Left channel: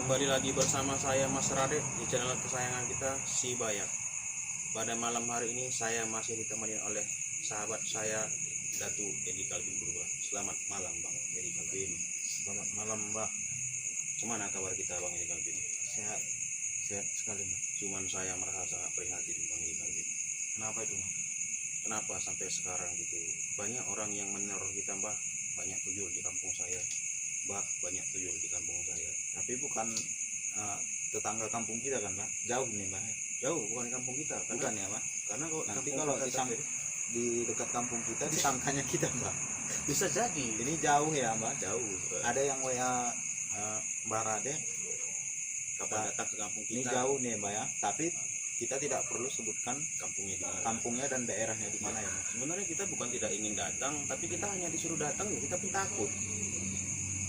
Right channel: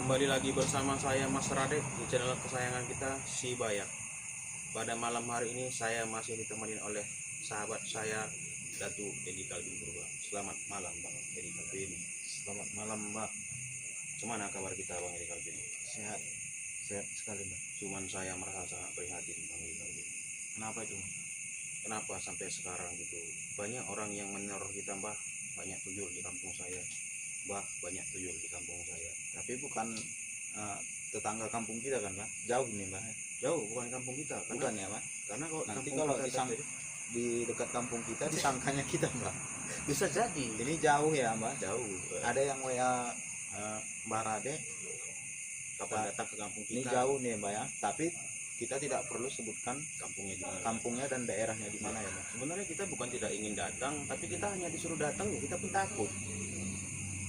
Kembali lagi bersama saya Mas Radek di channel kesayangan kita Si Bayak. Pada malam hari ini saya masih ditemani oleh sahabat saya Datu Edi Kalvin Purba. Selamat malam Bang Edi Kalvin. Selamat malam Mbak. Gimana kabar kita Bang Edi Kalvin? Sehat, sehat sekali Mbak. Cuman saya merasa sangat prihatin Bang Edi Kalvin. Kenapa itu Mbak? Kenapa sampai sekarang gitu banyak orang yang meneror kita Mbah. Banyak tuyul di kampung saya Mbah, banyak tuyul di kampung saya. Tapi bukan tetangga kampung kita kan Mbak? Jauh nih Mbak. Jauh, bukan di kampung kita. Bukan ya Mbak? Karena kalau Nanti kampung kalau kita terjadi, di dekat kampung kita disangkanya kita Mbak. bisa jadi Ini jauh ya Mbak. jauh. Ada yang WA Mbak Rade, Kapan datang ke kampung ini kita? jauh nih Mbak ya. Tapi kita tidak perlu sebutkan Kampungnya di mana? kampungnya dan daerahnya di mana ya Mbak. Sebenarnya kita bukan tidak ingin datang, tapi kita hanya disuruh datang ya kita pun takut.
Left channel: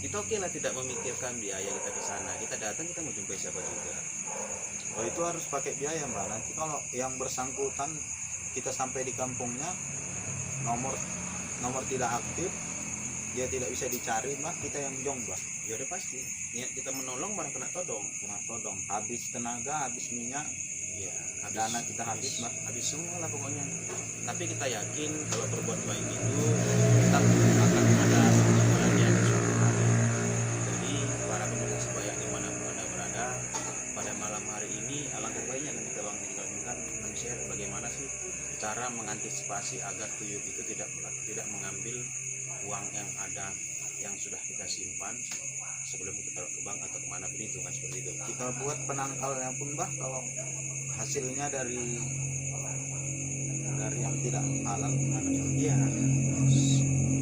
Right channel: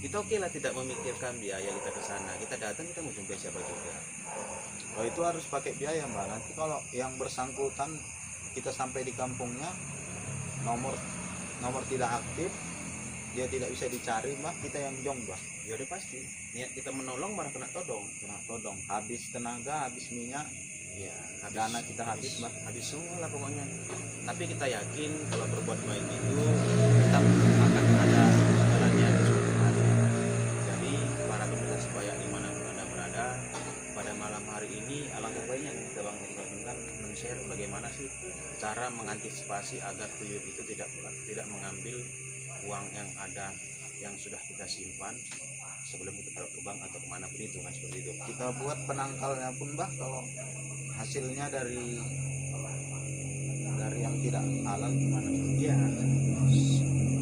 Kita oke lah tidak memikirkan biaya kita ke sana. Kita datang kita mau jumpai siapa juga. Oh itu harus pakai biaya Mbak. Nanti kalau yang bersangkutan kita sampai di kampungnya nomor tidak aktif, dia tidak bisa dicari Mbak, kita yang jong Mbak. Ya udah pasti. Niat kita menolong malah kena todong. Kena todong, habis tenaga, habis minyak, Ya, dana kita habis Mbak. habis semua lah pokoknya. Tapi kita yakin kalau berbuat baik itu tetap akan ada imbalannya di suatu hari. Jadi para pemirsa sebaya dimanapun anda berada, pada malam hari ini alangkah baiknya kan kita Bang Edi Kalvin kan men-share bagaimana sih cara mengantisipasi agar tuyul itu tidak mengambil uang yang ada yang sudah kita simpan sebelum kita taruh ke bank atau kemana pun itu kan seperti itu. Kita buat penangkalnya pun Mbak, kalau hasilnya dari yang tidak halal gimana Mbak? Iya,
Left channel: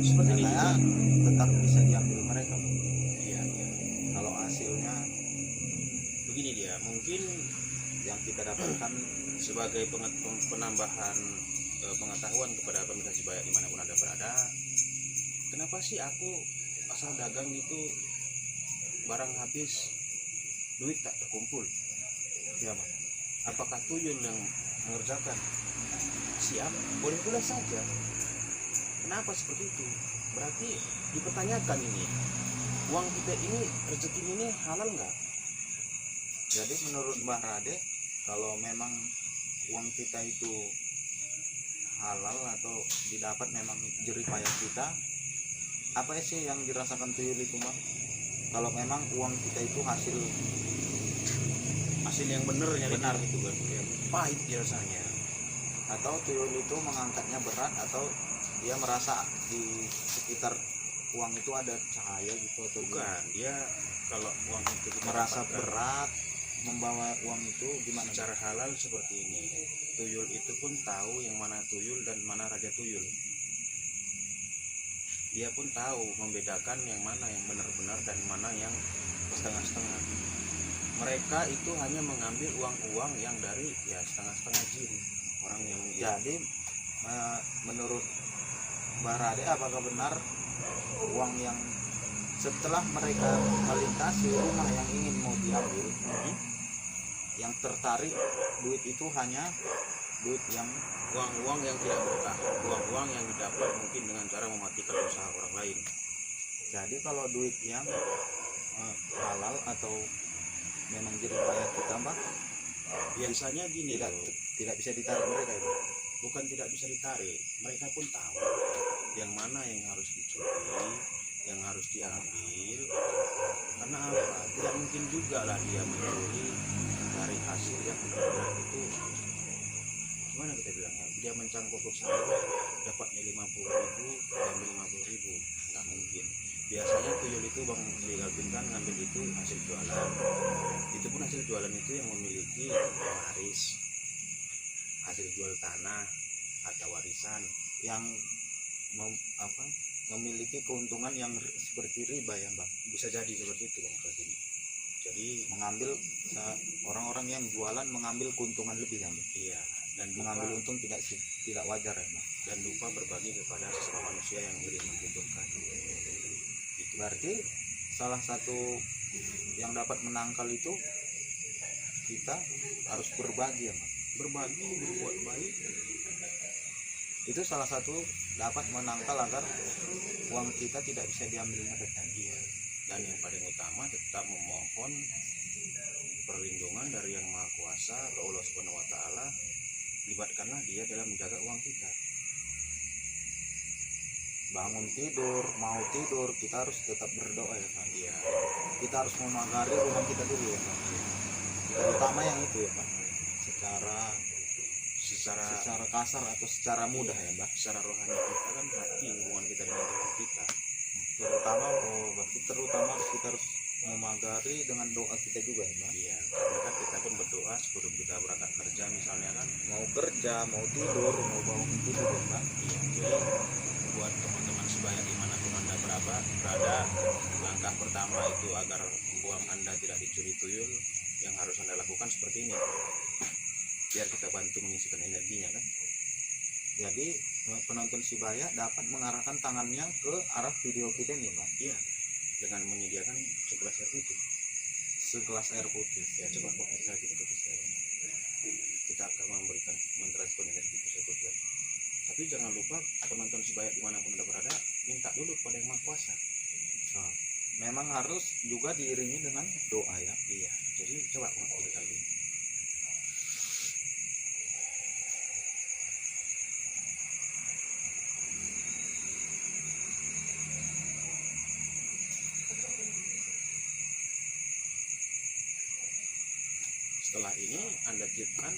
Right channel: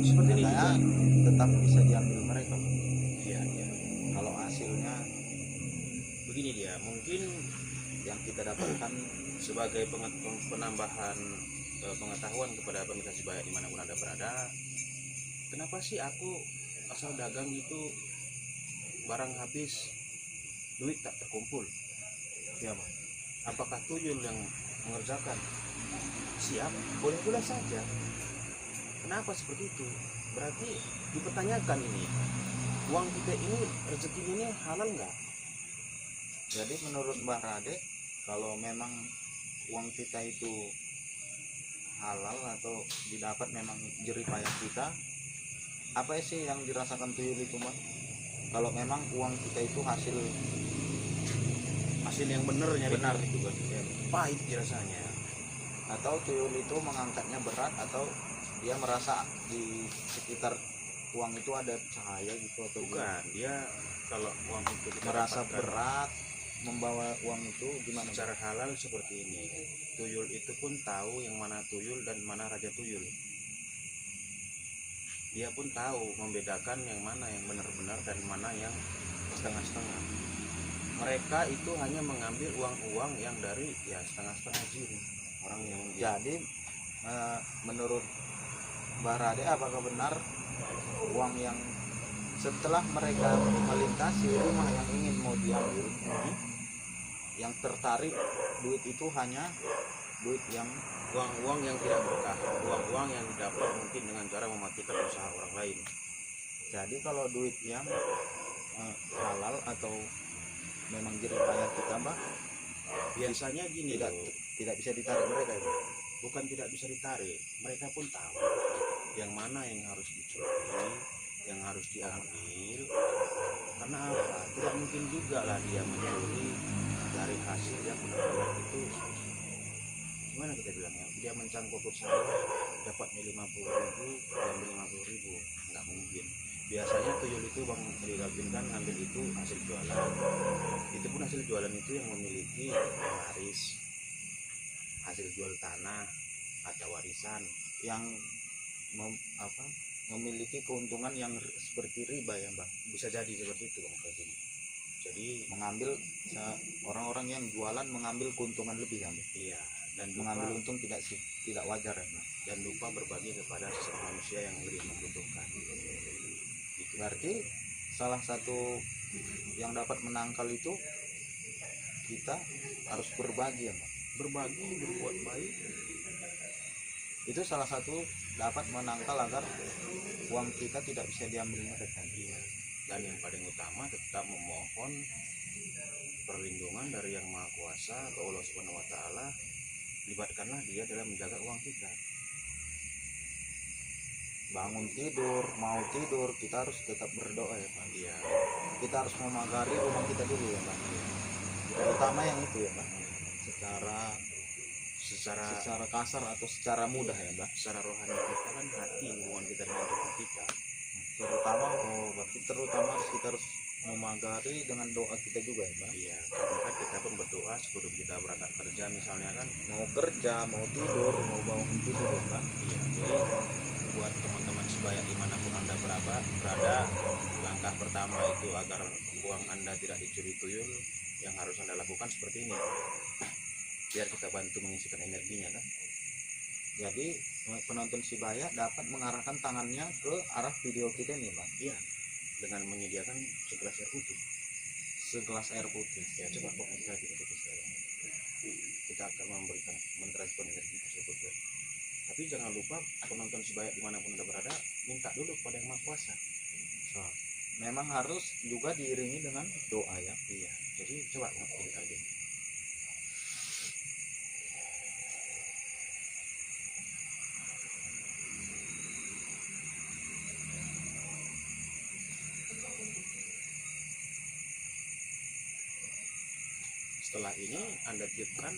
seperti ini. Katanya tetap bisa diambil mereka Mbak. Iya, iya. Kalau hasilnya Begini dia, mungkin yang kita dapatkan sebagai penambahan pengetahuan kepada pemirsa sebaya dimanapun anda berada, kenapa sih aku asal dagang itu barang habis duit tak terkumpul? ya Mbak. Apakah tuyul yang mengerjakan? Siap, boleh-boleh saja. Kenapa seperti itu? Berarti dipertanyakan ini, uang kita ini, rezeki ini halal nggak? Jadi menurut Mbak Rade, kalau memang uang kita itu halal atau didapat memang jerih payah kita, apa sih yang dirasakan tuyul itu Mbak? Kalau memang uang kita itu hasil Yang benar itu kan, ya, pahit rasanya. atau tuyul itu mengangkatnya berat, atau dia merasa di sekitar uang itu ada cahaya gitu, atau Bukan, dia kalau uang itu kita merasa dapatkan berat membawa uang itu gimana Mbak? secara halal seperti ini. Tuyul itu pun tahu yang mana tuyul dan mana raja tuyul. Dia pun tahu membedakan yang mana yang benar-benar dan mana yang setengah-setengah. Mereka itu hanya mengambil uang-uang yang dari ya setengah-setengah jin. Orang yang Jadi menurut Mbak Rade, apakah benar uang yang setelah mereka melintasi rumah yang ingin mau diambil, yang tertarik duit itu hanya duit yang uang-uang yang tidak berkah, uang-uang yang didapat mungkin dengan cara mematikan usaha orang lain. jadi kalau duit yang halal atau memang jerih payah kita Mbak, Biasanya gini tidak loh, tidak bisa ditarik mereka ya Mbak? bukan tidak bisa ditarik, mereka pun tahu yang mana yang harus dicuri, yang harus diambil. Karena apa? Tidak mungkin juga lah dia mencuri dari hasil yang benar-benar itu, gimana kita bilangnya, dia mencangkuk sawah dapatnya 50.000, diambil 50.000, nggak mungkin. Biasanya tuyul itu Bang Edi Kalvin kan ngambil itu hasil jualan. Itu pun hasil jualan itu yang memiliki waris, hasil jual tanah atau warisan. Yang memiliki keuntungan yang seperti riba ya Mbak, Bisa jadi seperti itu Bang Kalvin. Jadi mengambil orang-orang yang jualan mengambil keuntungan lebih ya Mbak. iya, dan Mengambil lupa, untung tidak wajar ya Mbak. dan lupa berbagi kepada sesama manusia yang lebih membutuhkan. Itu Berarti salah satu yang dapat menangkal itu kita harus berbagi ya Mbak. berbagi, berbuat baik. Itu salah satu dapat menangkal agar uang kita tidak bisa diambil mereka. Iya. Dan yang paling utama tetap memohon perlindungan dari Yang Maha Kuasa atau Allah Subhanahu wa taala, libatkanlah dia dalam menjaga uang kita. Bangun tidur, mau tidur, kita harus tetap berdoa ya Pak. Iya, Kita harus memagari rumah kita dulu ya Pak. Terutama yang itu ya Pak. Secara kasar atau secara mudah ya Pak. secara rohani kita kan hati, hubungan kita dengan Tuhan kita. Berarti terutama kita harus memagari dengan doa kita juga ya Pak. Iya, karena kan kita pun berdoa sebelum kita berangkat kerja misalnya kan. Mau kerja, mau tidur, mau bangun tidur ya Pak. Iya, jadi buat teman-teman sebaya dimanapun Anda berada, langkah pertama itu agar uang Anda tidak dicuri tuyul, yang harus Anda lakukan seperti ini, biar kita bantu mengisikan energinya kan. Jadi penonton Sibaya dapat mengarahkan tangannya ke arah video kita nih Pak. Iya, dengan menyediakan segelas air putih. Segelas air putih. Ya, coba buat air lagi untuk sekarang. Kita akan mentransfer energi tersebut kan. Tapi jangan lupa penonton Sibaya dimanapun Anda berada, minta dulu kepada Yang Maha Kuasa. Nah, memang harus juga diiringi dengan doa ya. Iya, jadi coba pilih kali. Setelah ini Anda tiupkan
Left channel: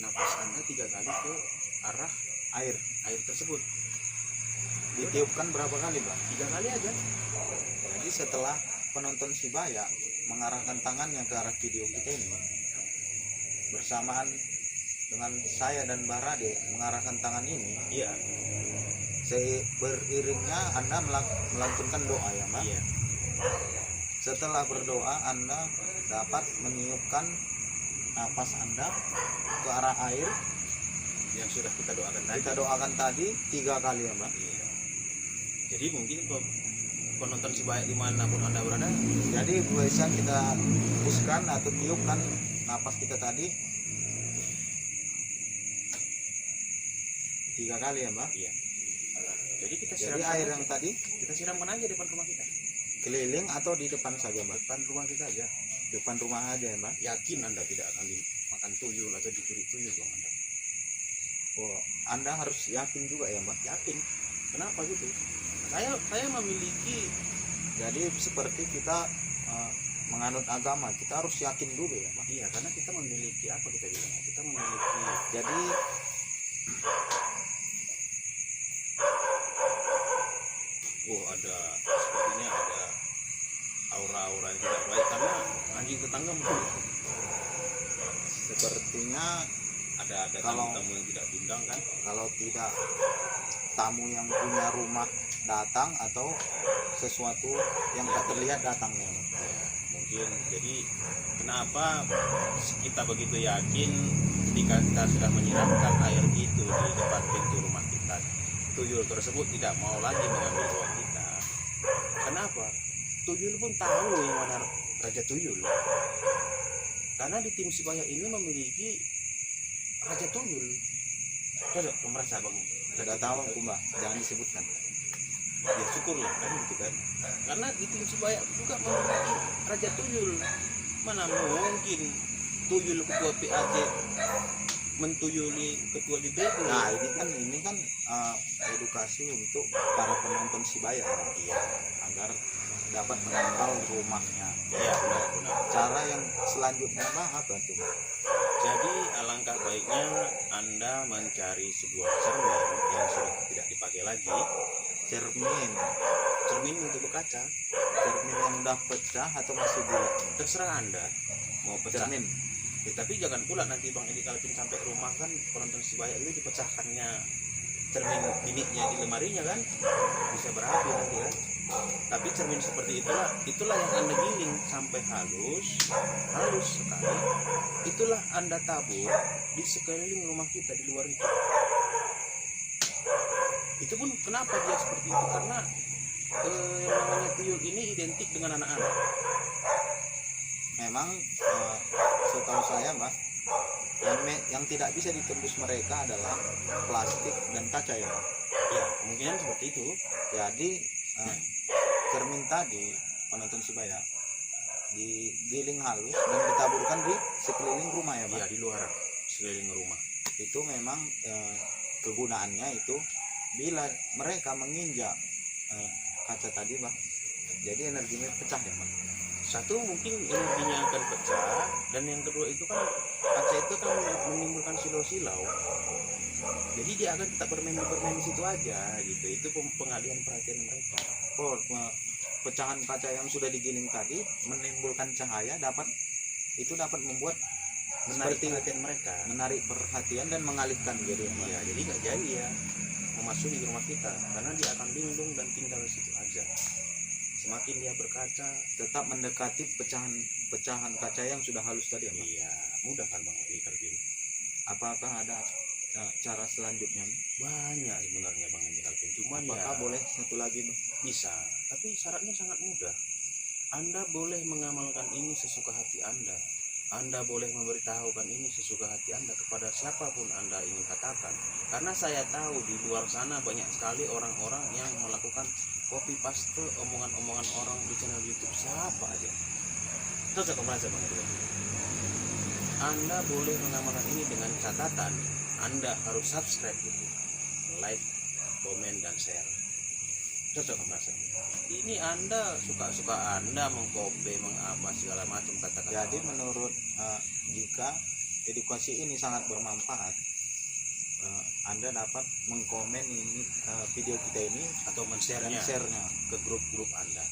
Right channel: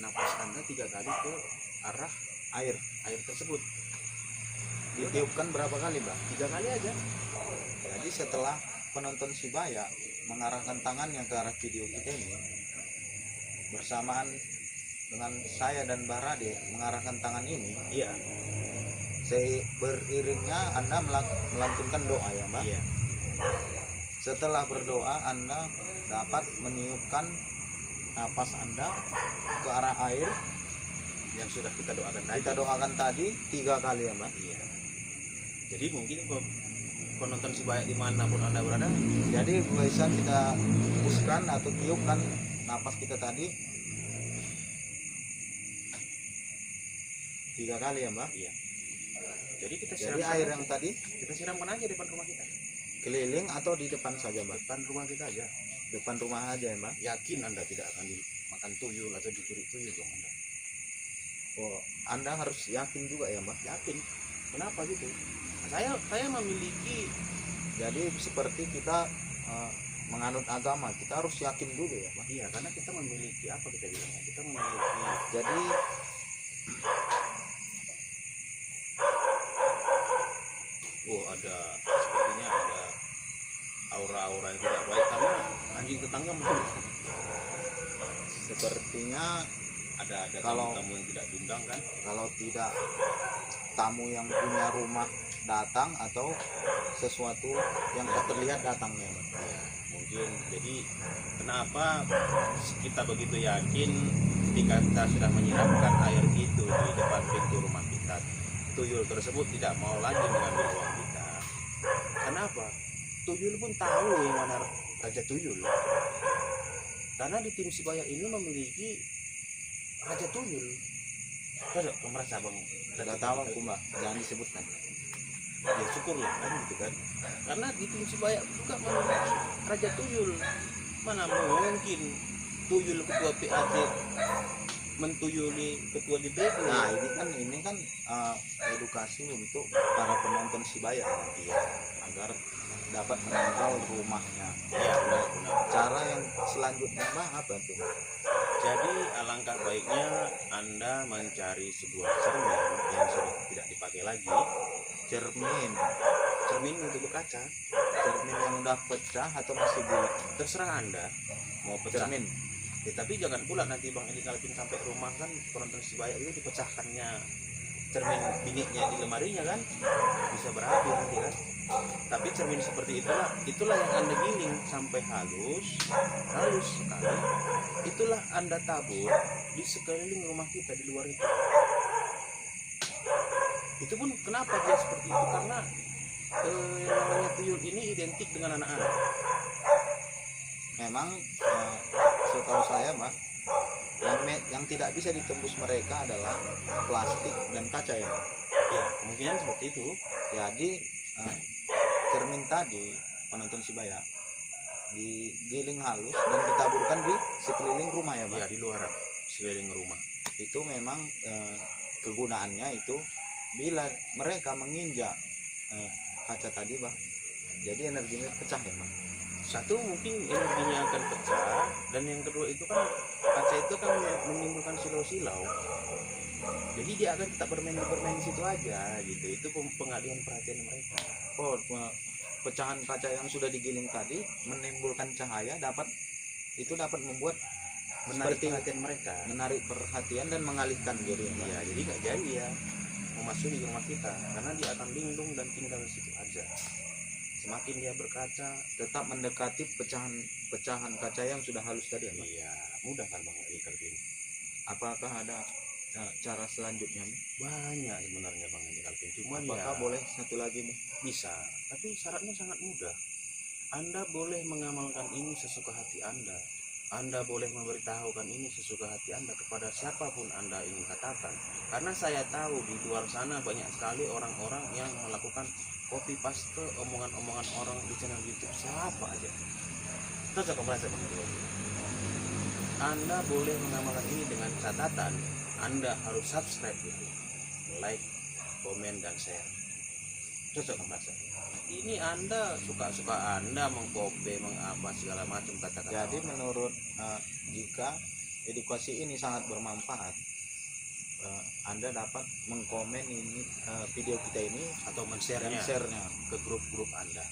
napas Anda 3 kali ke arah Air tersebut. ditiupkan berapa kali Pak? 3 kali aja. Jadi setelah penonton Sibaya mengarahkan tangannya ke arah video kita ini, bersamaan dengan saya dan Barade mengarahkan tangan ini, Iya. beriringnya Anda melantunkan doa ya Mbak. Iya. Setelah berdoa Anda dapat meniupkan napas Anda ke arah air Yang sudah kita doakan tadi. kita doakan tadi 3 kali ya Mbak. Iya. Jadi mungkin penonton Sibaya dimanapun Anda berada, Jadi bisa kita hembuskan atau tiupkan napas kita tadi 3 kali ya Mbak. iya. Jadi kita Jadi siramkan air aja. yang tadi Kita siramkan aja depan rumah kita. keliling atau di depan saja Mbak? Depan rumah kita aja. Depan rumah aja ya Mbak. Yakin Anda tidak akan dimakan tuyul atau dicuri tuyul dong Anda. Oh, Anda harus yakin juga ya Mbak. Yakin. Kenapa gitu? Saya memiliki. Jadi seperti kita menganut agama, kita harus yakin dulu ya Mbak. Iya, karena kita memiliki apa kita bilangnya? Kita memiliki. Jadi Sepertinya ada aura-aura yang tidak baik karena anjing tetangga mungkin sepertinya ada Kalau- tamu yang tidak diundang kan. kalau tidak tamu yang punya rumah datang atau sesuatu yang tak terlihat datangnya Mbak. Mungkin jadi kenapa kita begitu yakin ketika kita sudah menyiramkan air itu di depan pintu rumah kita, tuyul tersebut tidak mau lagi mengambil uang kita. Kenapa? Tuyul pun tahu yang mana raja tuyul. Karena di tim Sibaya ini memiliki raja tuyul. Cocok kamu merasa bang? Tidak tahu aku Mbak, jangan disebutkan. Ya syukurlah kan gitu kan. Karena di tim Sibaya juga memiliki raja tuyul. Mana mungkin tuyul ketua PAT mentuyuli ketua DPP. Nah ini kan edukasi untuk para penonton Sibaya ya, agar dapat menangkal rumahnya. Iya benar. Cara yang selanjutnya Mbak apa tuh Mbak? Jadi alangkah baiknya Anda mencari sebuah cermin yang sudah tidak dipakai lagi. Cermin untuk berkaca. Cermin yang udah pecah atau masih bulat? Terserah Anda mau pecah. Cermin. Ya, tapi jangan pula nanti Bang Edi Kalvin sampai rumah kan penonton Sibaya itu dipecahkannya cermin biniknya di lemarinya kan bisa berapi nanti kan. Tapi cermin seperti itulah yang Anda giling sampai halus sekali. Itulah Anda tabur di sekeliling rumah kita di luar itu. Itu pun kenapa dia seperti itu? Karena yang namanya tuyul ini identik dengan anak-anak. Memang setahu saya Mbak, yang tidak bisa ditembus mereka adalah plastik dan kaca ya Mbak. Ya kemungkinan seperti itu. Jadi cermin tadi penonton Sibaya digiling halus dan ditaburkan di sekeliling rumah ya Pak? Ya, di luar sekeliling rumah. Itu memang kegunaannya itu bila mereka menginjak kaca tadi Pak, jadi energinya pecah ya Pak? Satu, mungkin energinya akan pecah, dan yang kedua itu kan kaca itu kan menimbulkan silau-silau, jadi dia akan tetap bermain di situ aja gitu. Itu pengalihan perhatian mereka. Oh, pecahan kaca yang sudah digiling tadi menimbulkan cahaya dapat membuat Menarik seperti perhatian mereka. menarik perhatian dan mengalihkan gitu ya Pak? Ya, jadi nggak jadi ya memasuki rumah kita, karena dia akan linglung dan tinggal di situ aja. Semakin dia berkaca, Tetap mendekati pecahan kaca yang sudah halus tadi ya Pak? iya, mudah kan Bang Calvin. Apakah ada cara selanjutnya Pak? Banyak sebenarnya Bang Calvin, cuman Apakah ya boleh satu lagi Pak? bisa, tapi syaratnya sangat mudah. Anda boleh mengamalkan ini sesuka hati Anda. Anda boleh memberitahukan ini sesuka hati Anda kepada siapapun Anda ingin katakan. Karena saya tahu di luar sana banyak sekali orang-orang yang melakukan copy paste omongan-omongan orang di channel YouTube siapa aja. Terus aku merasa Bang Calvin, Anda boleh mengamalkan ini dengan catatan Anda harus subscribe gitu, like, komen, dan share. Cocok merasa ini Anda suka-suka Anda mengkopi, mengapa segala macam kata-kata. Jadi orang. menurut jika edukasi ini sangat bermanfaat, Anda dapat mengkomen ini video kita ini atau dan men-share-nya share-nya. ke grup-grup Anda.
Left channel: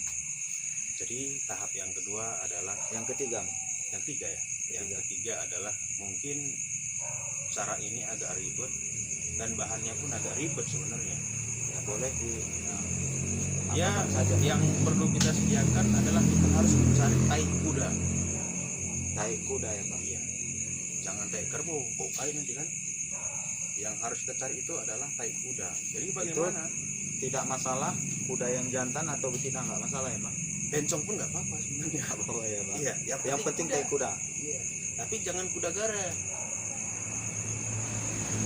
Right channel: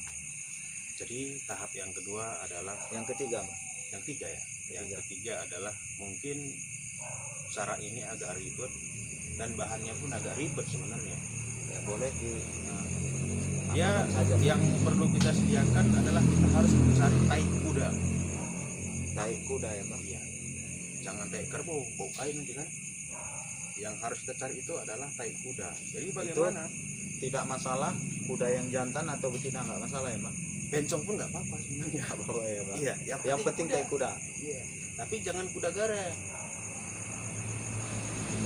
Jadi tahap yang kedua adalah Yang ketiga Pak? yang tiga ya. Yang ketiga adalah mungkin cara ini agak ribet dan bahannya pun agak ribet sebenarnya. Ya boleh di Ya, apakan saja Pak? yang perlu kita sediakan adalah kita harus mencari tai kuda. Tai kuda ya Pak? Iya. Jangan tai kerbau, bau kain nanti kan. Yang harus kita cari itu adalah tai kuda. Jadi bagaimana? Tidak masalah kuda yang jantan atau betina, nggak masalah ya Pak? Bencong pun nggak apa-apa sebenarnya. Nggak apa-apa ya Pak? Iya, Yang penting tai kuda. Iya. Tapi jangan kuda gara.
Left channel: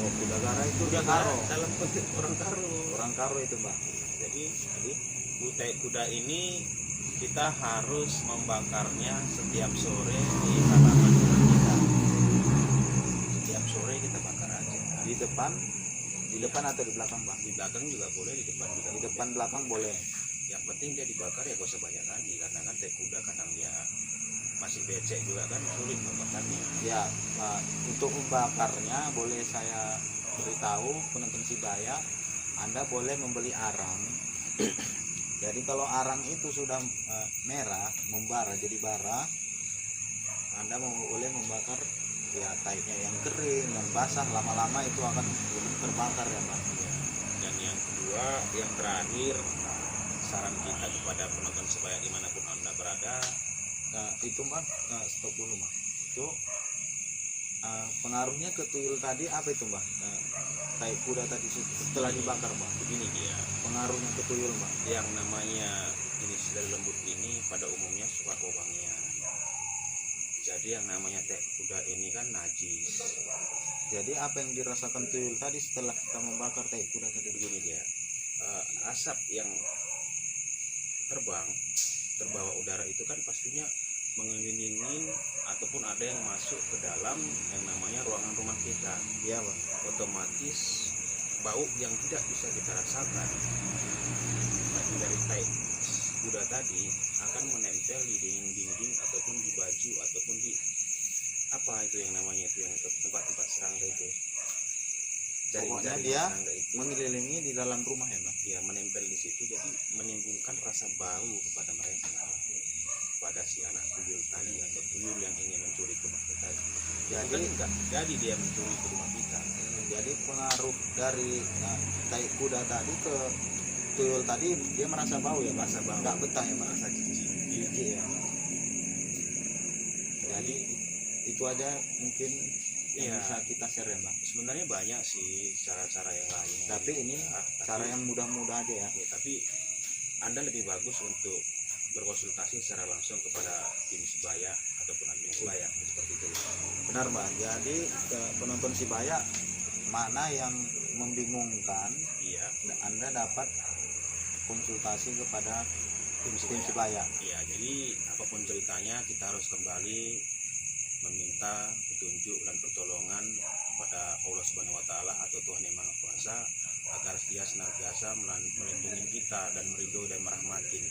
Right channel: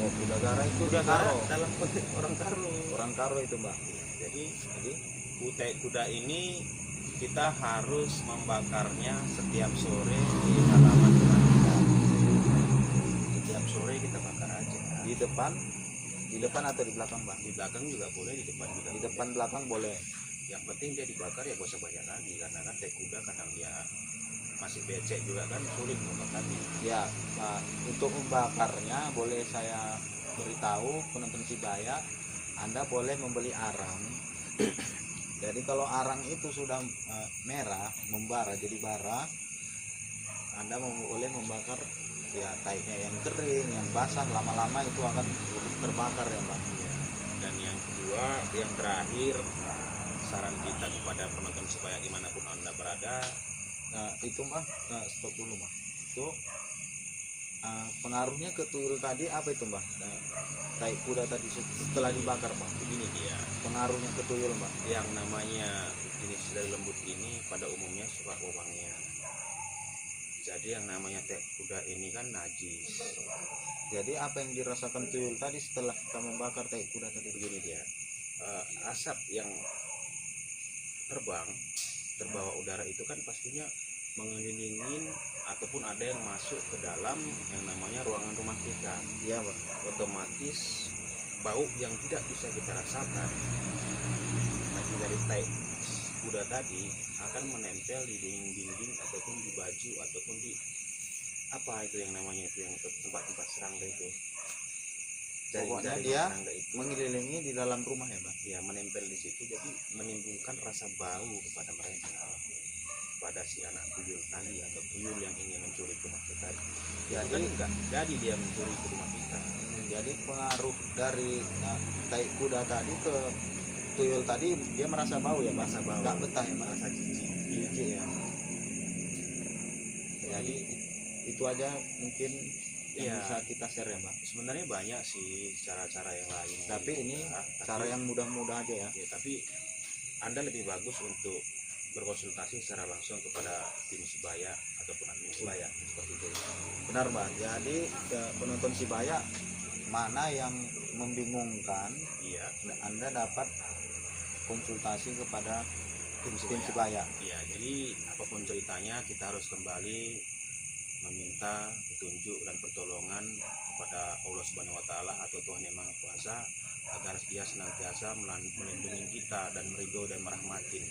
Oh, kuda gara itu Kuda di gara karo. dalam konteks orang karo. Orang karo itu Pak. Jadi Jadi kuda ini kita harus membakarnya setiap sore di halaman rumah kita. Setiap sore kita bakar aja. di depan atau di belakang Pak? Di belakang juga boleh, di depan juga Di boleh. depan belakang boleh. Yang penting dia dibakar ya gak usah banyak lagi, karena kan tai kuda kadang dia masih becek juga kan, sulit membakarnya. Ya Pak, untuk membakarnya boleh saya beritahu penonton Sibaya, Anda boleh membeli arang. Jadi kalau arang itu sudah merah, membara jadi bara, Anda boleh membakar ya tainya yang kering, yang basah, lama-lama itu akan terbakar ya Pak. Ya. Dan yang kedua, yang terakhir, saran kita kepada penonton Sebaya dimanapun Anda berada, Nah itu Mbak, stop dulu Mbak. Itu pengaruhnya ke tuyul tadi apa itu Mbak? Tai kuda tadi setelah dibakar Mbak. begini dia, Pengaruhnya ke tuyul Mbak. yang namanya jenis dari lembut ini pada umumnya suka wewangian. Jadi yang namanya tai kuda ini kan najis. Jadi apa yang dirasakan tuyul tadi setelah kita membakar tai kuda tadi? Begini dia, asap yang terbawa udara itu kan pastinya mengelilingi ataupun ada yang masuk ke dalam yang namanya ruangan rumah kita. Iya Pak. Otomatis bau yang tidak bisa kita rasakan dari tai kuda tadi akan menempel di dinding-dinding ataupun di baju ataupun di apa itu yang namanya itu yang tempat-tempat serangga itu. Pokoknya Jaring-jaring dia serangga itu mengelilingi di dalam rumah ya Pak. ya menempel di situ, jadi menimbulkan rasa bau kepada mereka, pada si anak tuyul tadi atau tuyul yang ingin mencuri ke rumah kita. Jadi kan enggak jadi dia mencuri ke rumah kita. Jadi pengaruh dari tai kuda tadi ke tuyul tadi, dia merasa bau ya Pak. Merasa bau. Nggak betah ya Pak. Merasa jijik. Jijik ya. Jadi itu aja mungkin yang Iya. bisa kita share ya Pak. Sebenarnya banyak sih cara-cara yang lain. Tapi ini cara yang mudah-mudah aja ya. ya, tapi Anda lebih bagus untuk berkonsultasi secara langsung kepada tim Sebaya ataupun admin Sebaya seperti itu. Benar Mbak. Jadi penonton Sibaya, mana yang membingungkan, Iya. Anda dapat konsultasi kepada tim Sibaya. Sibaya. Iya, jadi apapun ceritanya kita harus kembali meminta petunjuk dan pertolongan kepada Allah Subhanahu wa taala atau Tuhan Yang Maha Kuasa agar Dia senantiasa melindungi kita dan meridho dan merahmatin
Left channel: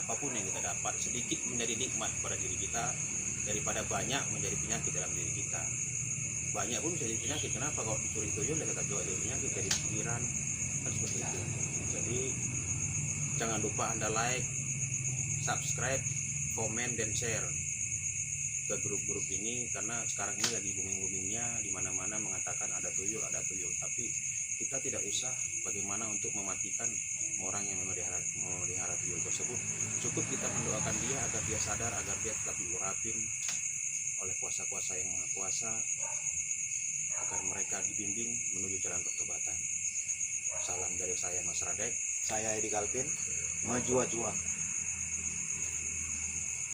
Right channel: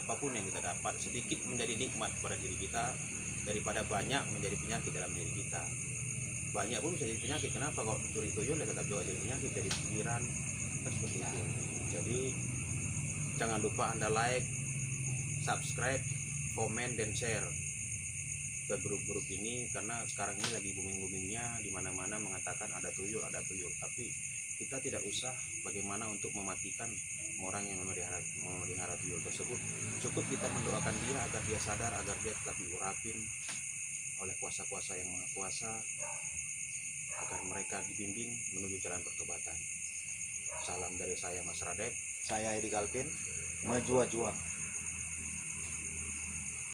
apapun yang kita dapat. Sedikit menjadi nikmat pada diri kita daripada banyak menjadi penyakit dalam diri kita. Banyak pun bisa jadi penyakit. Kenapa? Kalau dicuri tuyul ya tetap juga jadi penyakit, jadi pikiran, kan seperti itu. Jadi jangan lupa Anda like, subscribe, komen, dan share ke grup-grup ini, karena sekarang ini lagi booming-boomingnya di mana-mana mengatakan ada tuyul, tapi kita tidak usah bagaimana untuk mematikan orang yang memelihara tuyul tersebut. Cukup kita mendoakan dia agar dia sadar, agar dia tetap diurapin oleh kuasa-kuasa yang Maha Kuasa, agar mereka dibimbing menuju jalan pertobatan. Salam dari saya Mas Radek. Saya Edi Kalpin, Mejua-jua.